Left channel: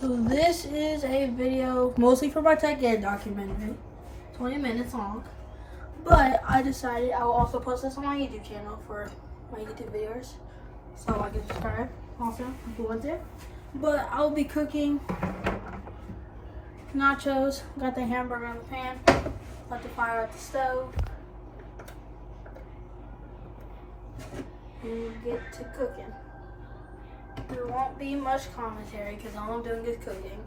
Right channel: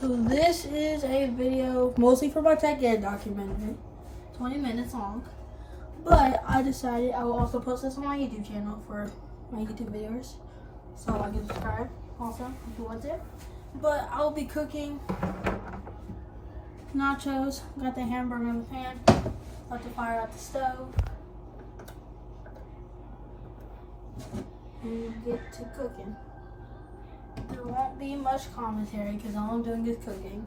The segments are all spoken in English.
So this is a video mostly for my tech ed documentary, 20 minutes long. But I decided I will also post this on my YouTube channel for my YouTube videos. So I get subscribe also if you want to. But I'll be cooking nachos. Got the hamburger in the pan. Let the fire at the stove. And get to cooking. There won't be much commentary because all I'm doing is cooking,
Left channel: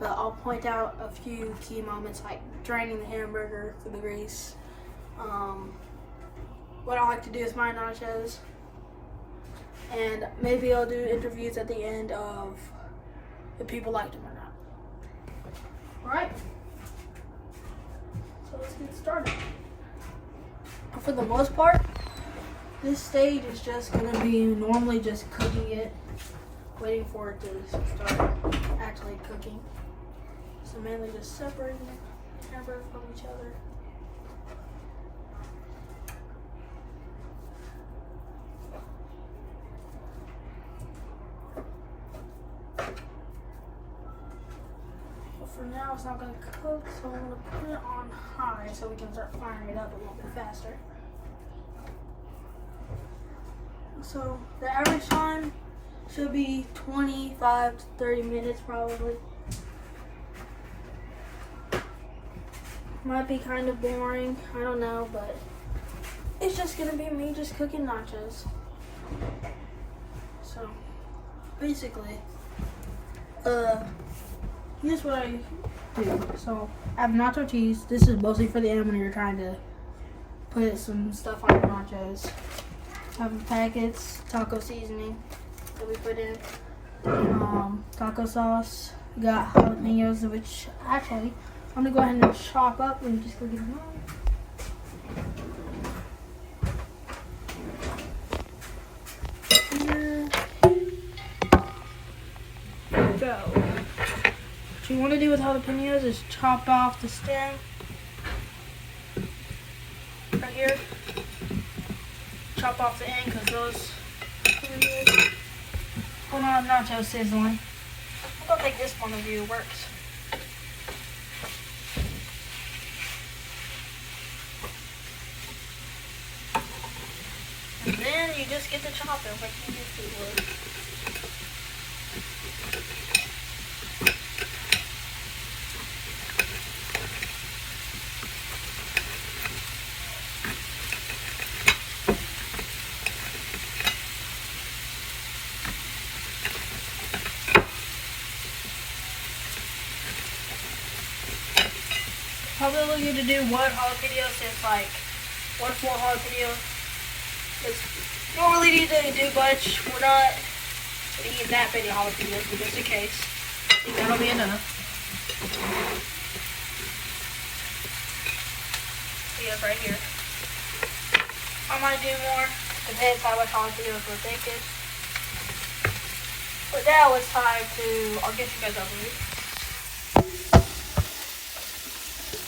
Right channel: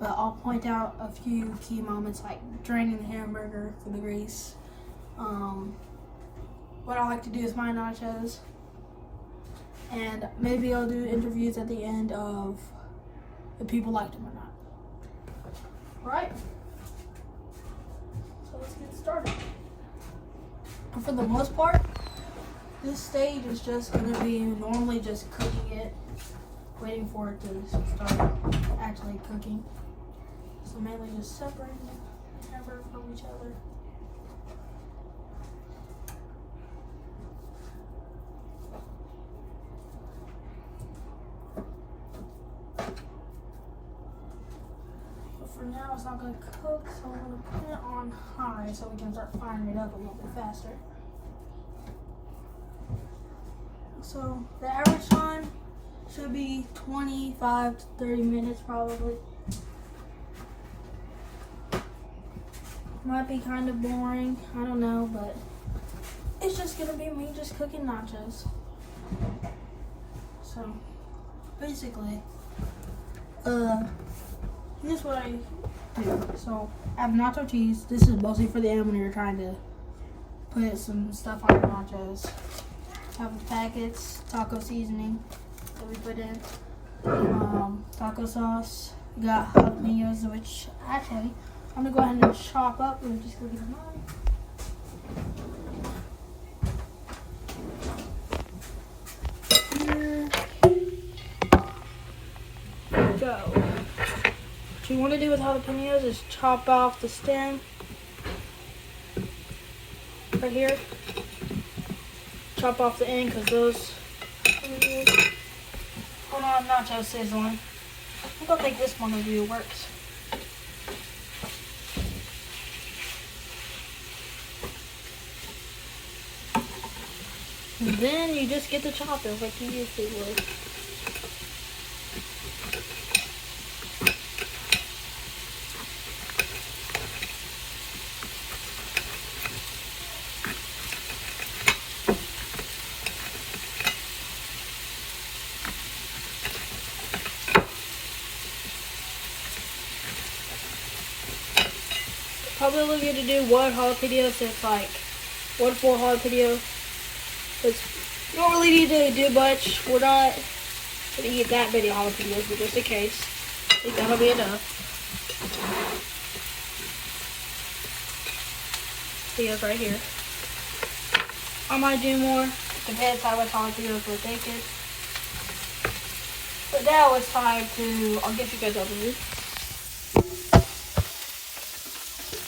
but I'll point out a few key moments like draining the hamburger for the grease, what I like to do with my nachos, and maybe I'll do interviews at the end of if people liked them or not. Alright, so let's get started. And for the most part, this stage is just going to be normally just cooking it, waiting for it to start actually cooking. So mainly just separating the hamburger from each other. But for now it's not going to cook, so I'm going to put it on high so we can start firing it up a little bit faster. So the average time should be 25 to 30 minutes probably. Might be kind of boring, I don't know, but it's just gonna be me just cooking nachos. So basically, here's what I do. So I have nacho cheese. This is mostly for the end when you're trying to put some stuff on your nachos. I have the packets, taco seasoning that we put in, taco sauce. We got jalapenos, which actually I'm gonna go ahead and chop up and just look at them. So, what you want to do with jalapenos is chop off the stem right here. Chop off the end because those. Oh no, I'm not just sizzling. I'm gonna take this one of you works. And then you just get the choppers like you used to do. Probably want you to do one jalapeno, so it's like 1 full jalapeno. Because you don't really need to do much. We're not going to eat that many jalapenos, but just in case. I think that'll be enough. See us right here. I might do more. Depends how much jalapenos we're thinking. But now it's time to, I'll get you guys over here.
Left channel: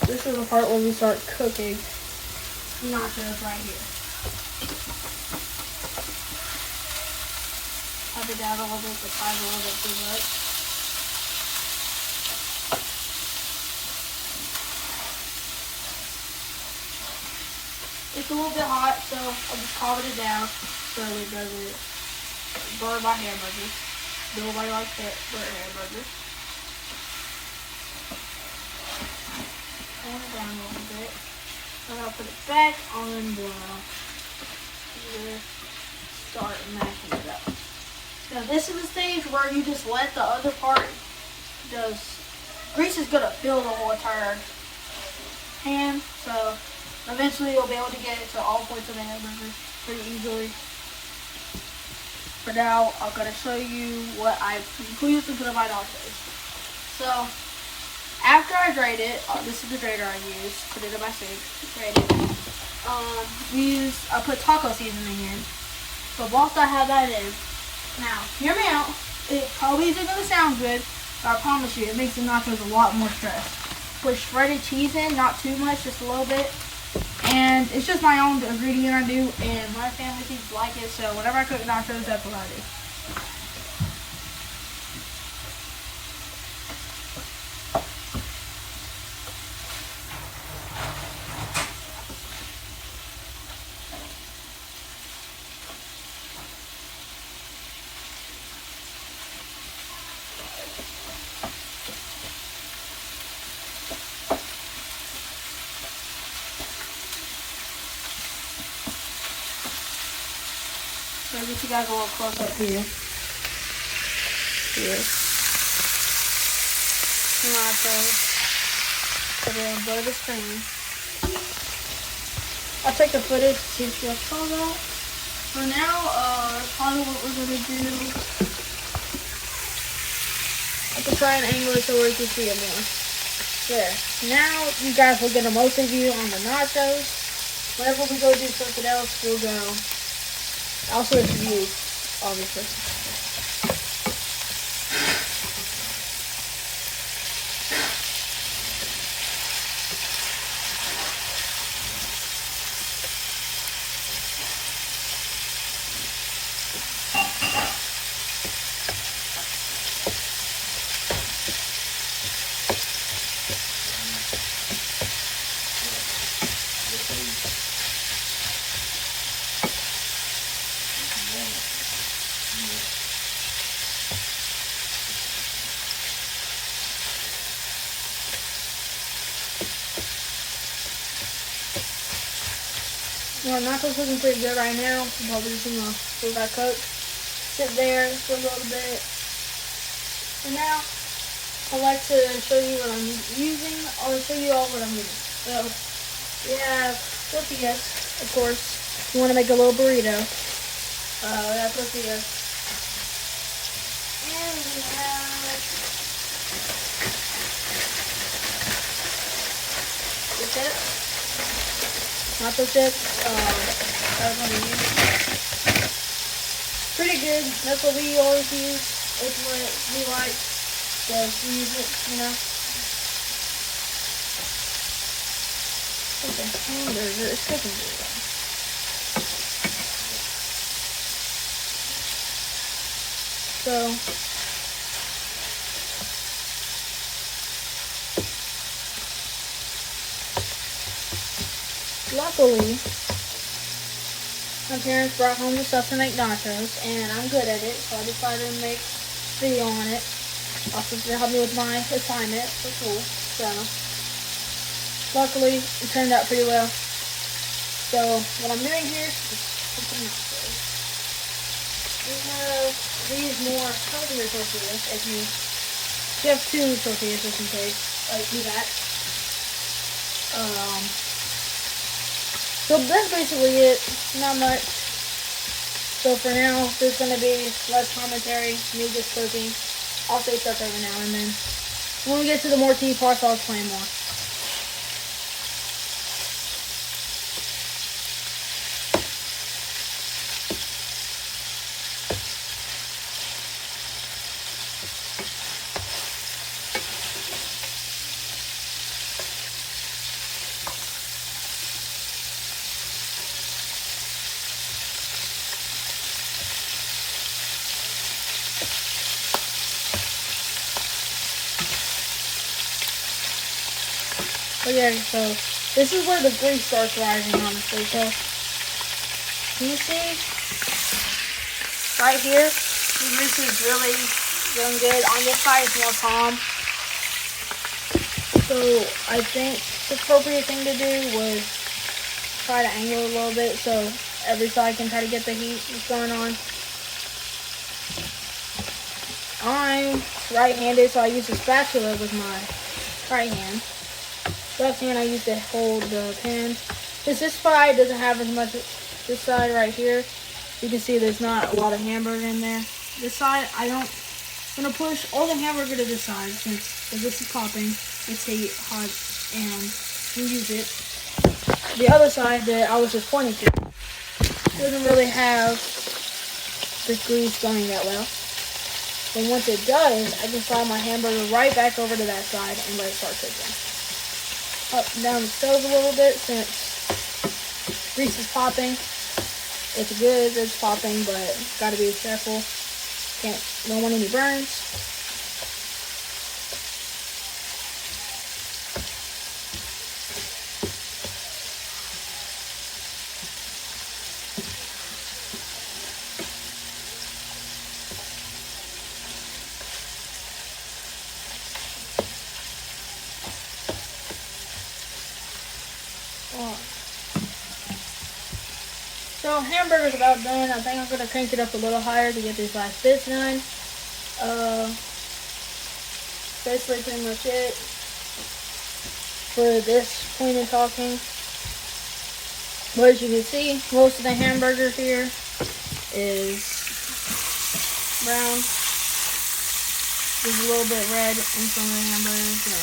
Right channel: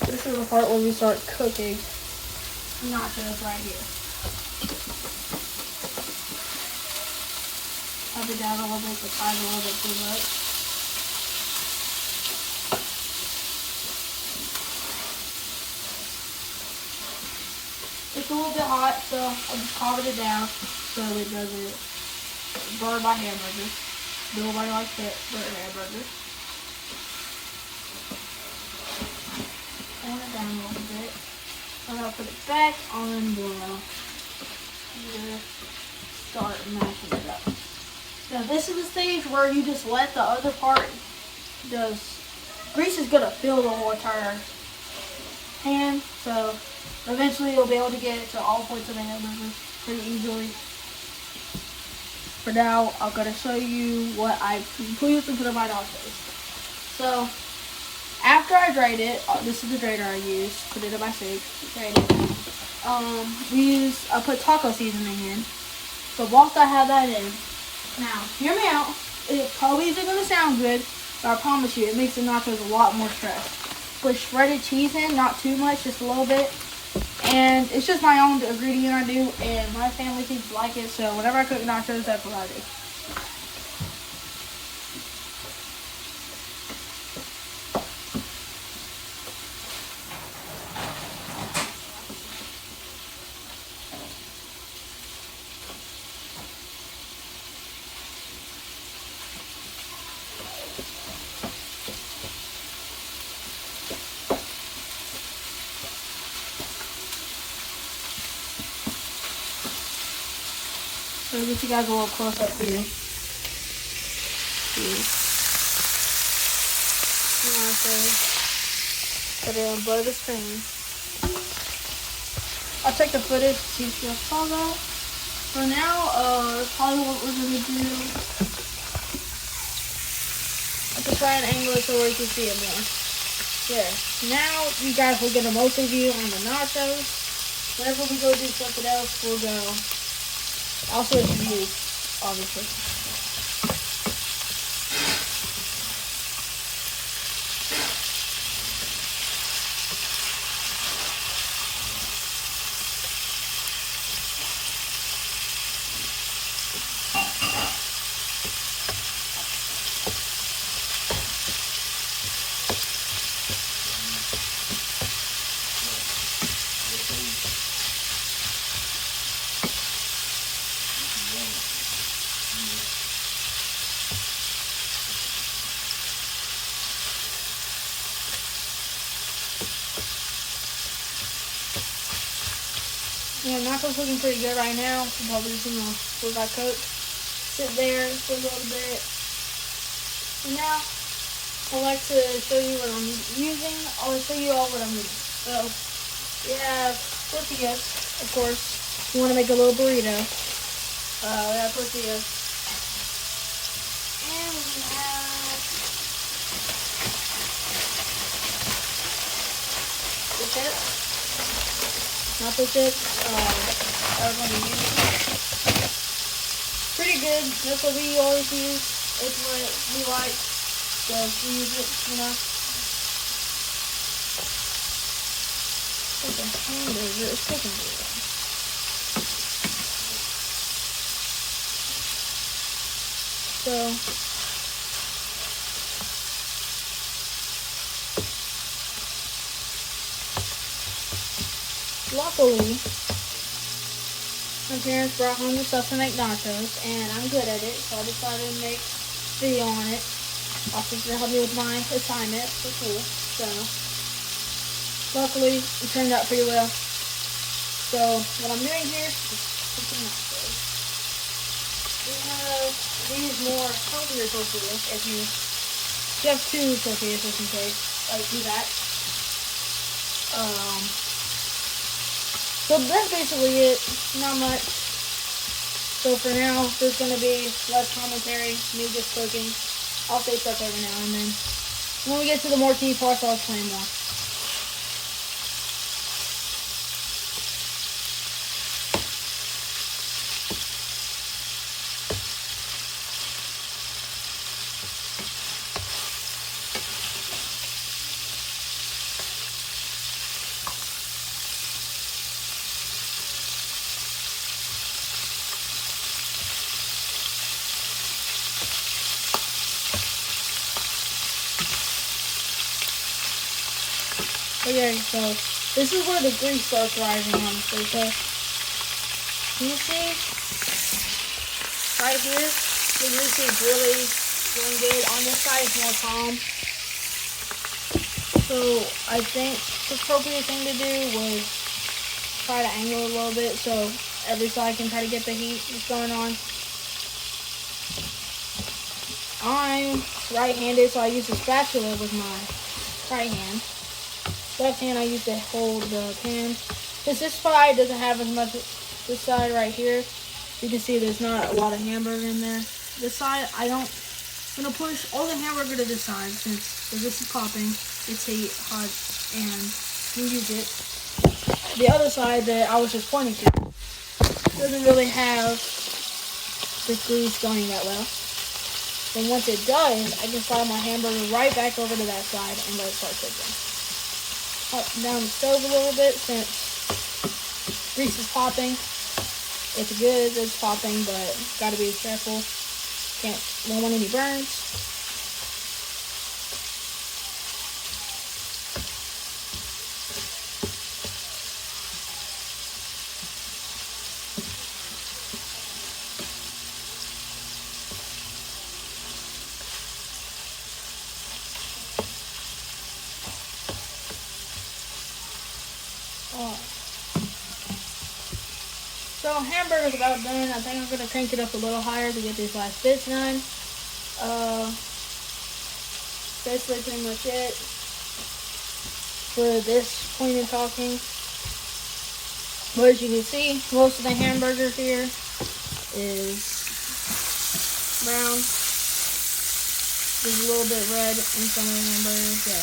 This is the part where we start cooking nachos right here. Up it down a little bit, the fire a little bit too much. It's a little bit hot, so I'll just calm it down so that it doesn't burn my hamburgers. Do what I like for hamburgers. Down a little bit. I'm gonna put it back on the start mashing it up. Now this is the stage where you just let the other part grease is gonna fill the whole entire pan, so eventually you'll be able to get it to all parts of the hamburger pretty easily. For now, I'm gonna show you what I included to put in my nachos. So after I drained it, this is the drainer I used, put it in my sink, drained it. I put taco seasoning in. So once I have that in, now, hear me out. It probably isn't going to sound good, but I promise you, it makes the nachos a lot more stressed. Put shredded cheese in, not too much, just a little bit. And it's just my own ingredient I do, and my family seems to like it, so whenever I cook nachos, that's what I do. So I guess you gotta go a little close up here. Yes. Put it on above the screen. I'll take the footage to see if you follow. For now, that's probably what we're going to do. I can try and angle it so we can see it more. There. Now, you guys will get a mostly view on the nachos. Whenever we go do something else, we'll go. I'll switch views, obviously. Well, nachos looking pretty good right now. I'm probably just gonna let that coat sit there for a little bit. And now, I'd like to show you what I'm using. I'll show you all what I'm using. So, we have tortillas, of course. You want to make a little burrito. We have tortillas. And we have this. Nacho chips, pretty good. That's what we always use. It's what we like, so we use it, you know. Okay, hamburger is cooking good. So, luckily, my parents brought home the stuff to make nachos, and I'm good at it, so I decided to make a video on it. Also, to help me with my assignment for school. So, luckily, it turned out pretty well. So, what I'm doing here is cooking nachos. We use more healthier tortillas if you have 2 tortillas just in case. Do that. So that's basically it. Not much. So for now, there's going to be less commentary, me just cooking. I'll say stuff every now and then. When we get to the more tea parts, I'll explain more. But yeah, so this is where the grease starts rising, honestly. So, can you see? Right here, the grease is really doing good. On this side, it's more calm. So, I think the appropriate thing to do was try to angle it a little bit so every side can try to get the heat that's going on. I'm right-handed, so I use a spatula with my right hand. Left hand I use to hold the pan. Because this side doesn't have as much, this side right here, you can see there's not a lot of hamburger in there. This side, I'm going to push all the hamburger to this side since this is popping. Let's see hot and use it. The other side that I was just pointing to doesn't really have the grease going that well. Then once it does, I can slide my hamburger right back over to that side and let it start cooking. Up and down the stove a little bit since grease is popping. It's good, it's popping, but gotta be careful. Don't want any burns. So hamburger's about done. I think I'm gonna crank it up a little higher to get these last bits done. Basically pretty much it for this point in talking. But as you can see, most of the hamburger here is brown. There's a little bit red in some of the hamburgers, so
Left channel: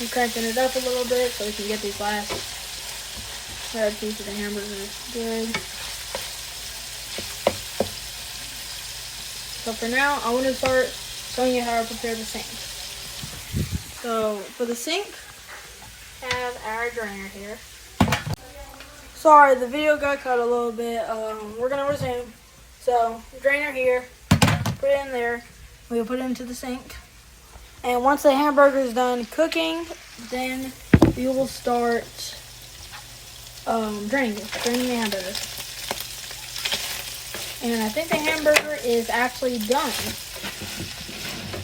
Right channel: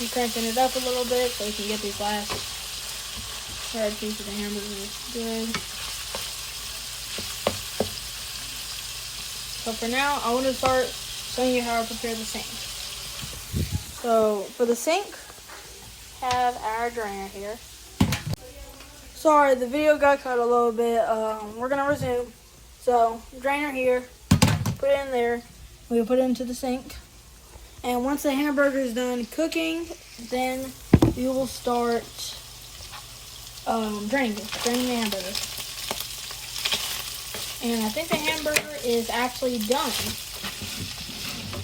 I'm cranking it up a little bit so we can get these last red piece of the hamburger good. So for now, I want to start showing you how I prepare the sink. So for the sink, I have our drainer here. Sorry, the video got cut a little bit. We're gonna resume. So drainer here, put it in there. We'll put it into the sink. And once the hamburger is done cooking, then you will start draining the hamburger. And I think the hamburger is actually done.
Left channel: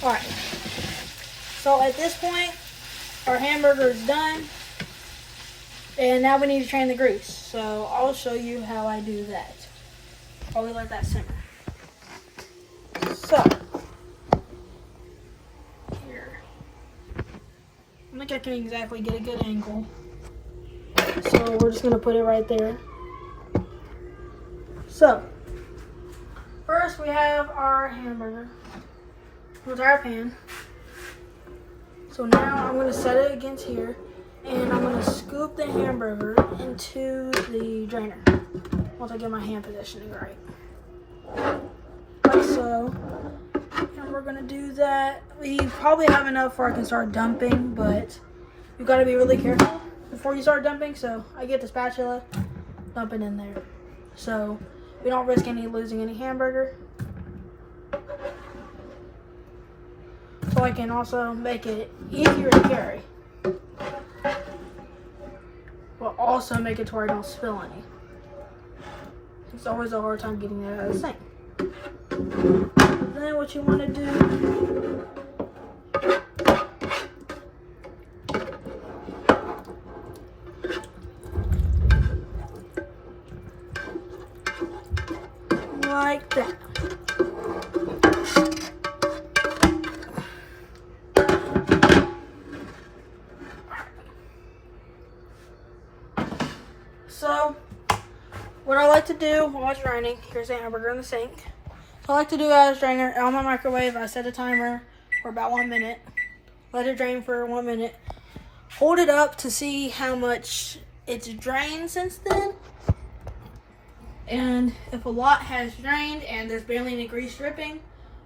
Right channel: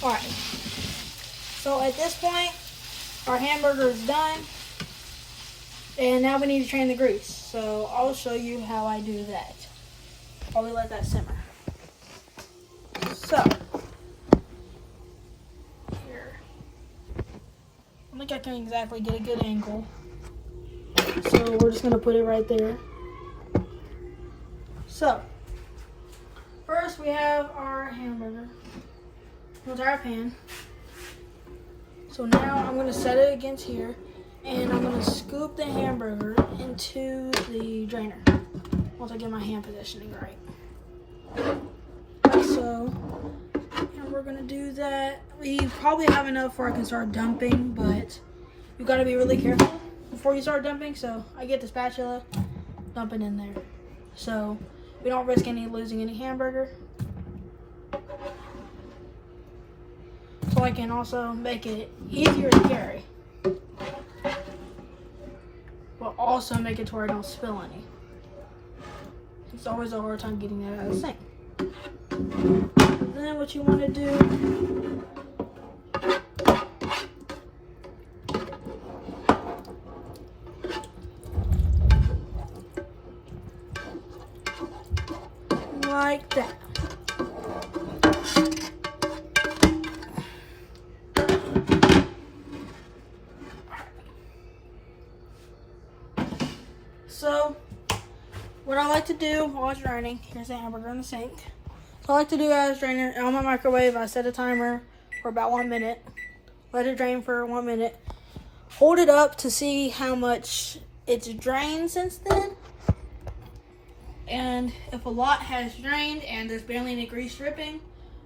Alright. So at this point, our hamburger is done. And now we need to drain the grease. So I'll show you how I do that. I'll let that simmer. So, here. I don't think I can exactly get a good angle. So we're just going to put it right there. So, first we have our hamburger with our pan. So now I'm going to set it against here. And I'm going to scoop the hamburger into the drainer once I get my hand positioning right. Like so. And we're going to do that. We probably have enough where I can start dumping, but you've got to be really careful before you start dumping. So I get the spatula, dump it in there. So we don't risk losing any hamburger. So I can also make it easier to carry. But also make it to where I don't spill any. It's always a hard time getting that out of the sink. Then what you want to do like that. So, what I like to do while it's draining, here's the hamburger in the sink. So I like to do as drainer on my microwave. I set a timer for about 1 minute. Let it drain for 1 minute. Hold it up to see how much it's drained since then. And if a lot has drained and there's barely any grease dripping,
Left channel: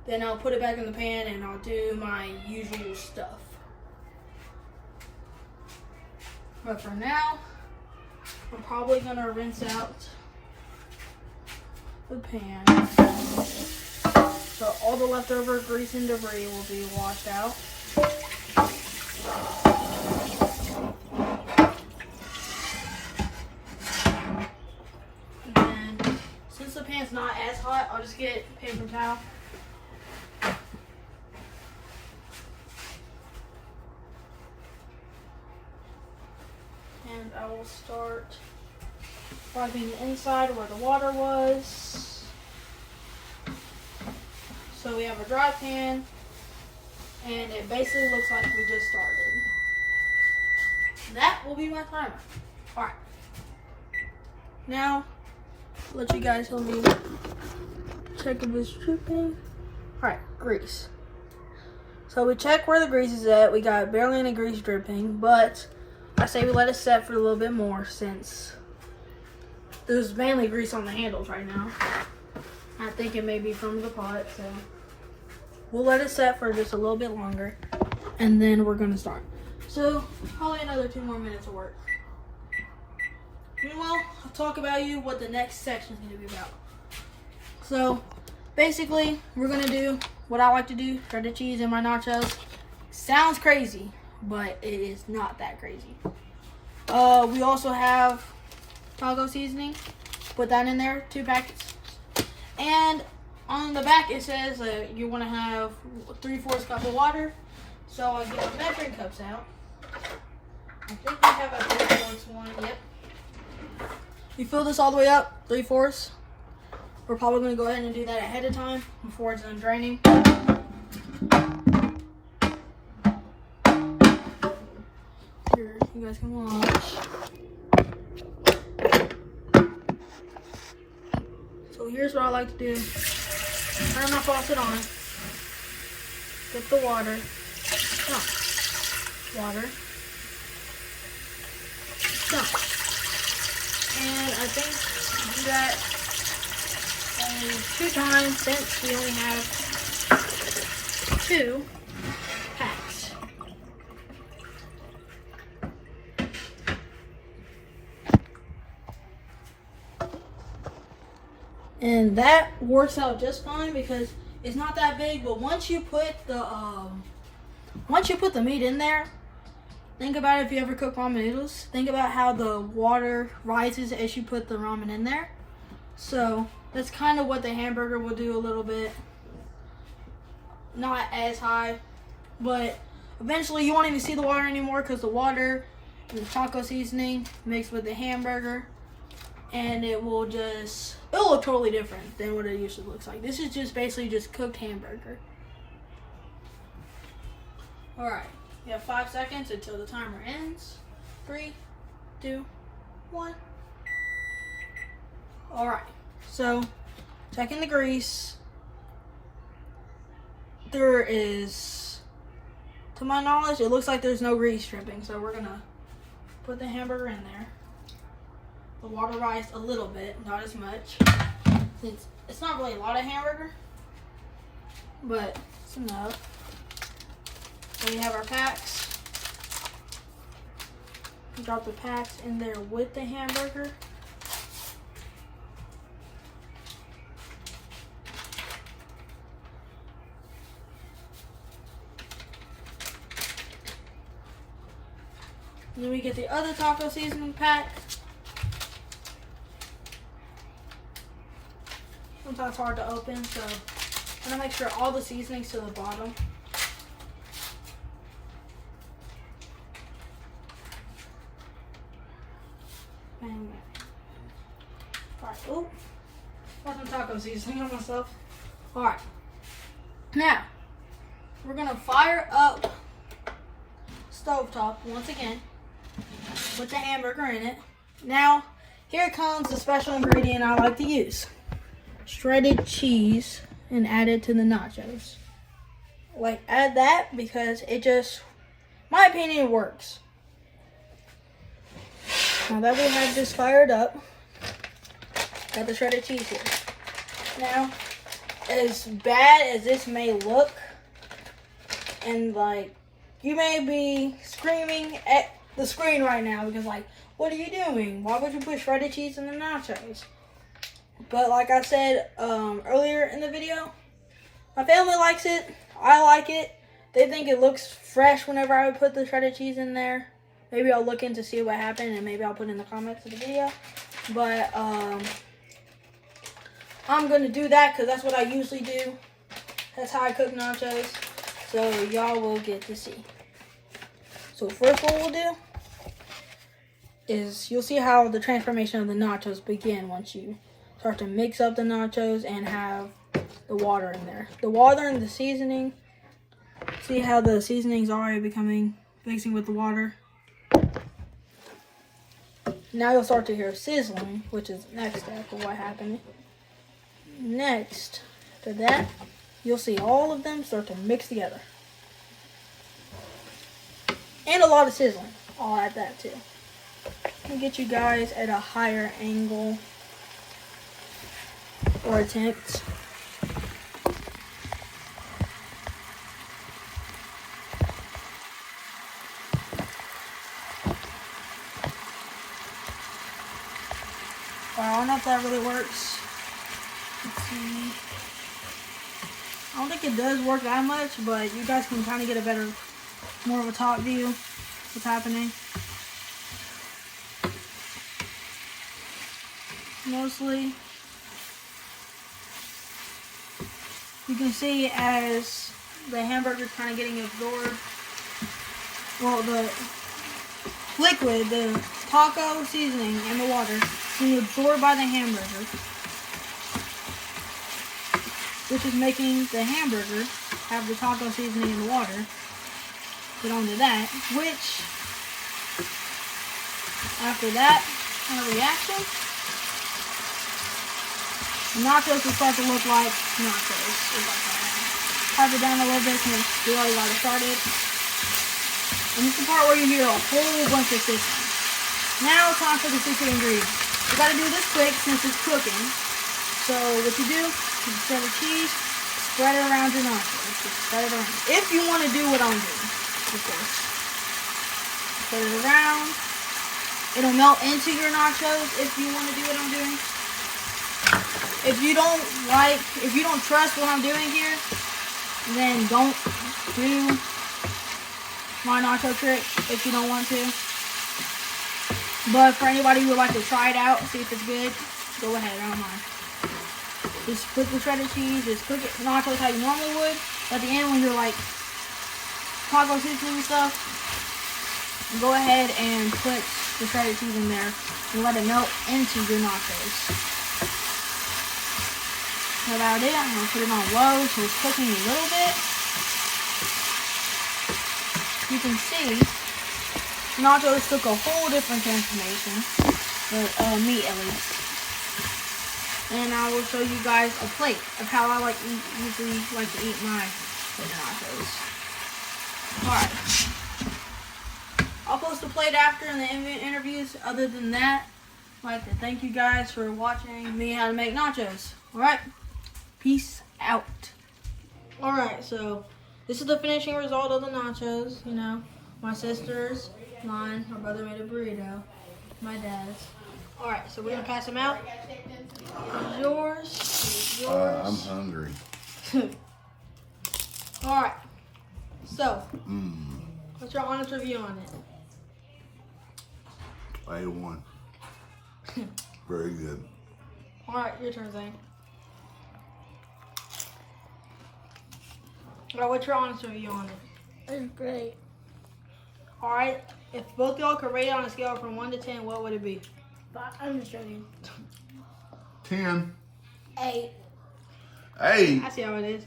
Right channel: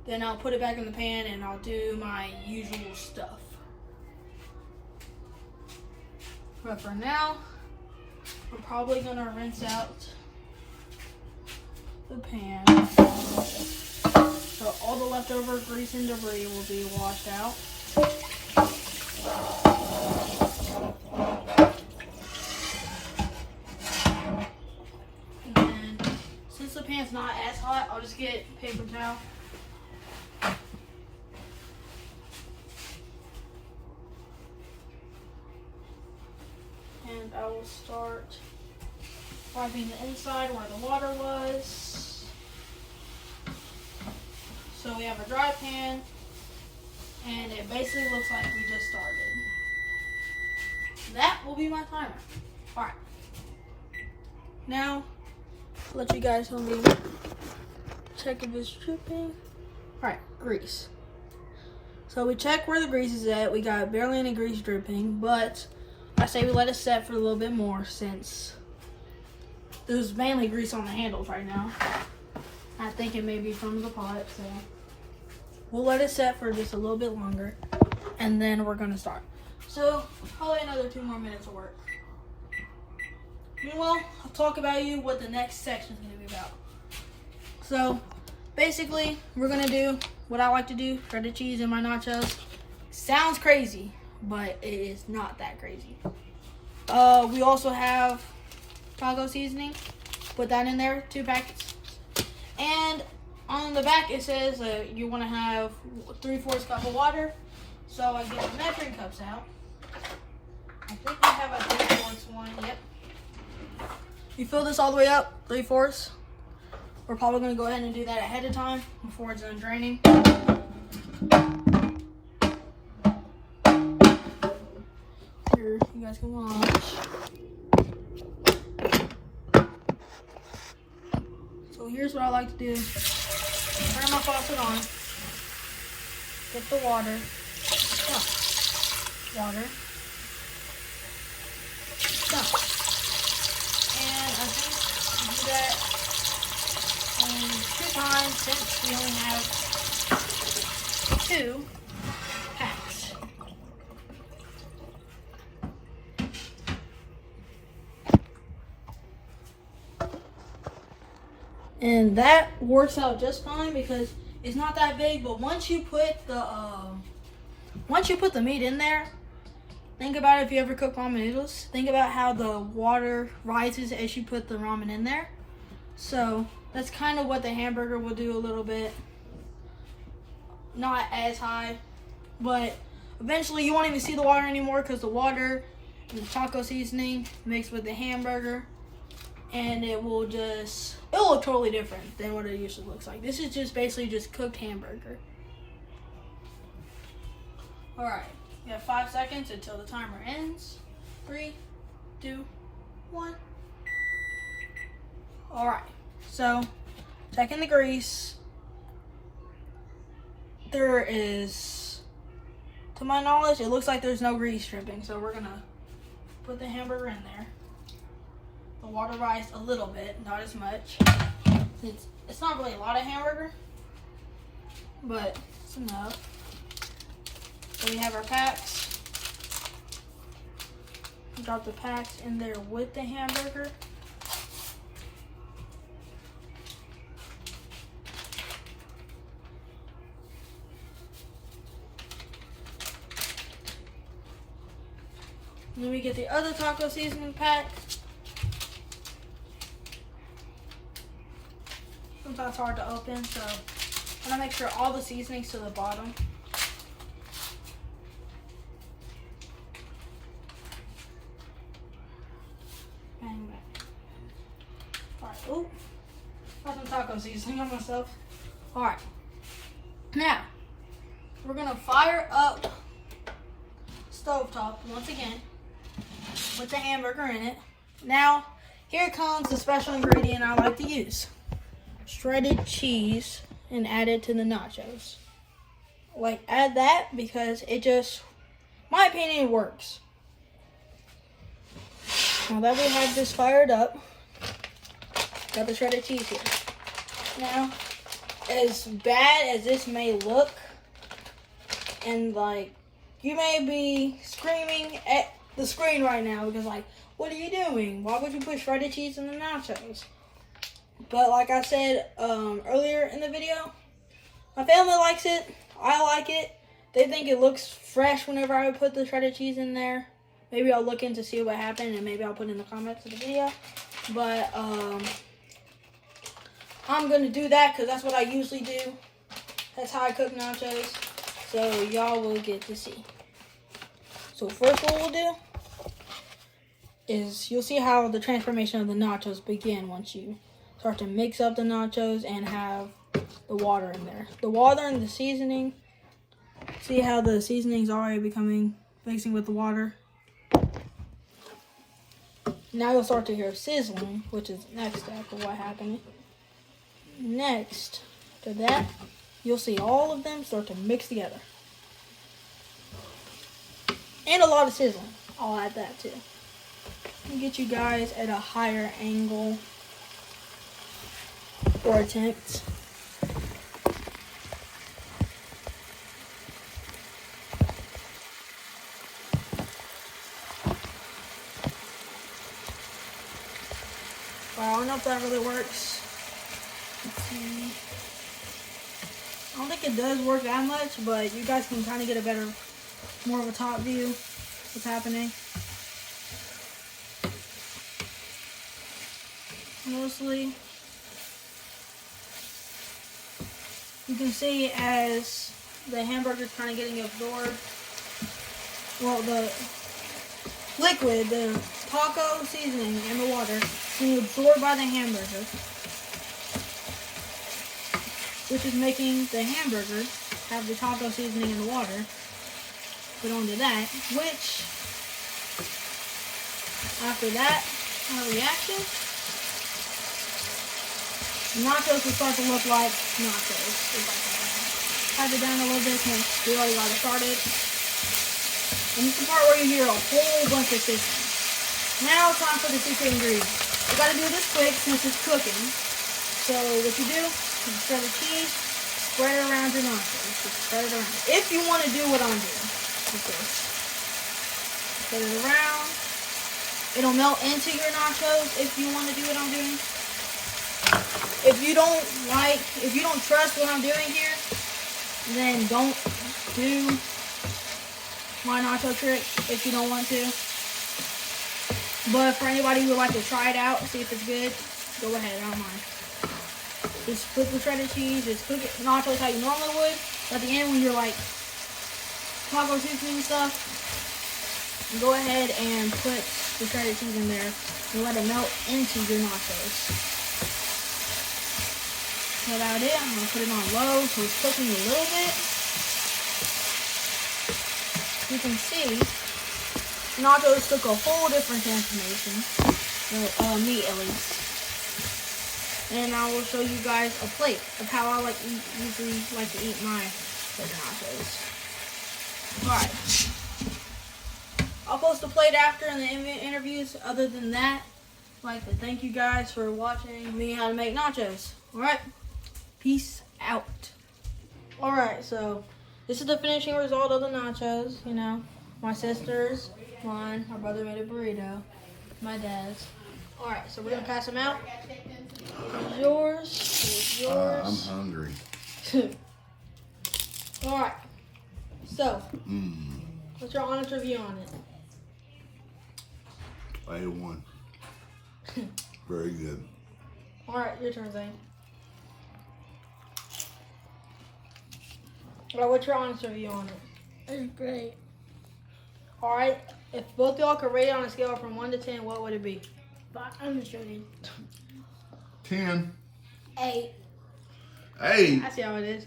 then I'll put it back in the pan and I'll do my usual stuff. But for now, I'm probably gonna rinse out the pan. So all the leftover grease and debris will be washed out. And since the pan's not as hot, I'll just get a paper towel. And I will start wiping the inside where the water was. So we have a dry pan, and it basically looks like we just started. That will be my timer. Alright. Now, let you guys help me check if it's dripping. Alright, grease. So we check where the grease is at. We got barely any grease dripping, but I say we let it set for a little bit more since there's mainly grease on the handles right now. I think it may be from the pot, so we'll let it set for just a little bit longer, and then we're gonna start. So probably another 2 more minutes of work. Meanwhile, I'll talk about what the next section is gonna be about. So basically, we're gonna do what I like to do: shredded cheese in my nachos. Sounds crazy, but it is not that crazy. We also have taco seasoning. Put that in there, 2 packets. And on the back it says you want to have 3/4 cup of water. So I get my measuring cups out. I think we have a 3/4 one. Yep. You fill this all the way up, 3/4. We're probably going to go ahead and do that ahead of time before it's done draining. Here, you guys can watch. So here's what I like to do. Turn my faucet on. Get the water. Water. And I think we do that only 2 times since we only have 2 packs. And that works out just fine because it's not that big, but once you put the meat in there, think about it. If you ever cook ramen noodles, think about how the water rises as you put the ramen in there. So that's kind of what the hamburger will do a little bit. Not as high, but eventually you won't even see the water anymore because the water and the taco seasoning mixed with the hamburger, and it will look totally different than what it usually looks like. This is just basically just cooked hamburger. All right. You have 5 seconds until the timer ends. 3, 2, 1. All right. So, checking the grease. There is, to my knowledge, it looks like there's no grease dripping. So we're gonna put the hamburger in there. The water rised a little bit, not as much. It's not really a lot of hamburger, but it's enough. So we have our packs. Drop the packs in there with the hamburger. Then we get the other taco seasoning pack. Sometimes it's hard to open, so I'm gonna make sure all the seasoning's to the bottom. Alright, oop. Got some taco seasoning on myself. Alright. Now, we're gonna fire up stovetop once again. Put the hamburger in it. Now, here comes the special ingredient I like to use. Shredded cheese, and add it to the nachos. Like, add that because it just, my opinion, it works. Now that we have this fired up, got the shredded cheese here. Now, as bad as this may look, and like, you may be screaming at the screen right now because like, what are you doing? Why would you put shredded cheese in the nachos? But like I said earlier in the video, my family likes it. I like it. They think it looks fresh whenever I would put the shredded cheese in there. Maybe I'll look in to see what happened, and maybe I'll put in the comments of the video. But I'm going to do that because that's what I usually do. That's how I cook nachos. So y'all will get to see. So first what we'll do is you'll see how the transformation of the nachos begin once you start to mix up the nachos and have the water in there. The water and the seasoning. See how the seasoning's already mixing with the water. Now you'll start to hear sizzling, which is the next step of what happened. Next to that, you'll see all of them start to mix together. And a lot of sizzling. I'll add that too. I'll get you guys at a higher angle or attempt. I don't know if that really works. Let's see. I don't think it does work that much, but you guys can kind of get a more of a top view of what's happening. Mostly, you can see as the hamburger's kind of getting absorbed. Well, liquid, the taco seasoning in the water, is going to be absorbed by the hamburger, which is making the hamburger have the taco seasoning in the water. Put onto that, which, after that kind of reaction, the nachos will start to look like nachos. Have it down a little bit because we already got it started. And this is the part where you hear a whole bunch of sizzling. Now it's time for the secret ingredient. You gotta do this quick since it's cooking. So what you do, you spread the cheese, spread it around your nachos. Just spread it around. If you want to do what I'm doing, of course. Spread it around. It'll melt into your nachos if you want to do what I'm doing. If you don't trust what I'm doing here, then don't do my nacho trick if you don't want to. But for anybody who would like to try it out, see if it's good, go ahead, I don't mind. Just put the shredded cheese, just cook it nachos how you normally would. At the end when you're like taco seasoning and stuff, go ahead and put the shredded cheese in there and let it melt into your nachos. That's about it. I'm going to put it on low so it's cooking a little bit. You can see nachos took a whole different transformation, but me at least. And I will show you guys a plate of how I usually like to eat my nachos. Alright. I'll post a plate after in the interviews. Other than that, I'd like to thank you guys for watching me how to make nachos. Alright. Peace out. Alright, so this is the finishing result of the nachos, you know. My sister's, mine, my brother made a burrito, my dad's. Alright, so we're going to pass them out. Here's yours. Here's yours. I'm hungry. Alright, so, what's your honest review on it? 8 to 1. Very good. Alright, your turn, Zane. Alright, what's your honest review on it? It's great. Alright, if both y'all could rate it on a scale from 1 to 10, what would it be? But I'm just joking. 10. 8. 8. I see how it is.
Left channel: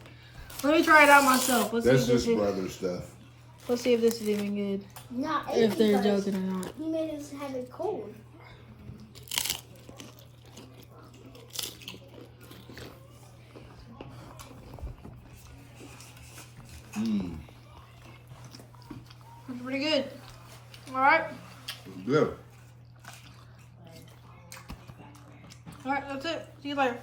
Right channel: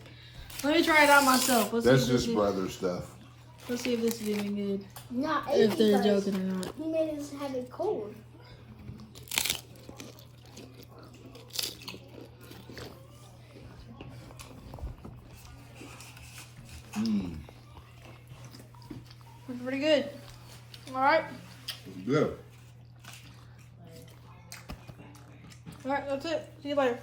Let me try it out myself. That's just brother stuff. Let's see if this is even good. Not 8 If they're because joking or not. he made us have it cold. It's pretty good. Alright. Good. Alright, that's it. See you later.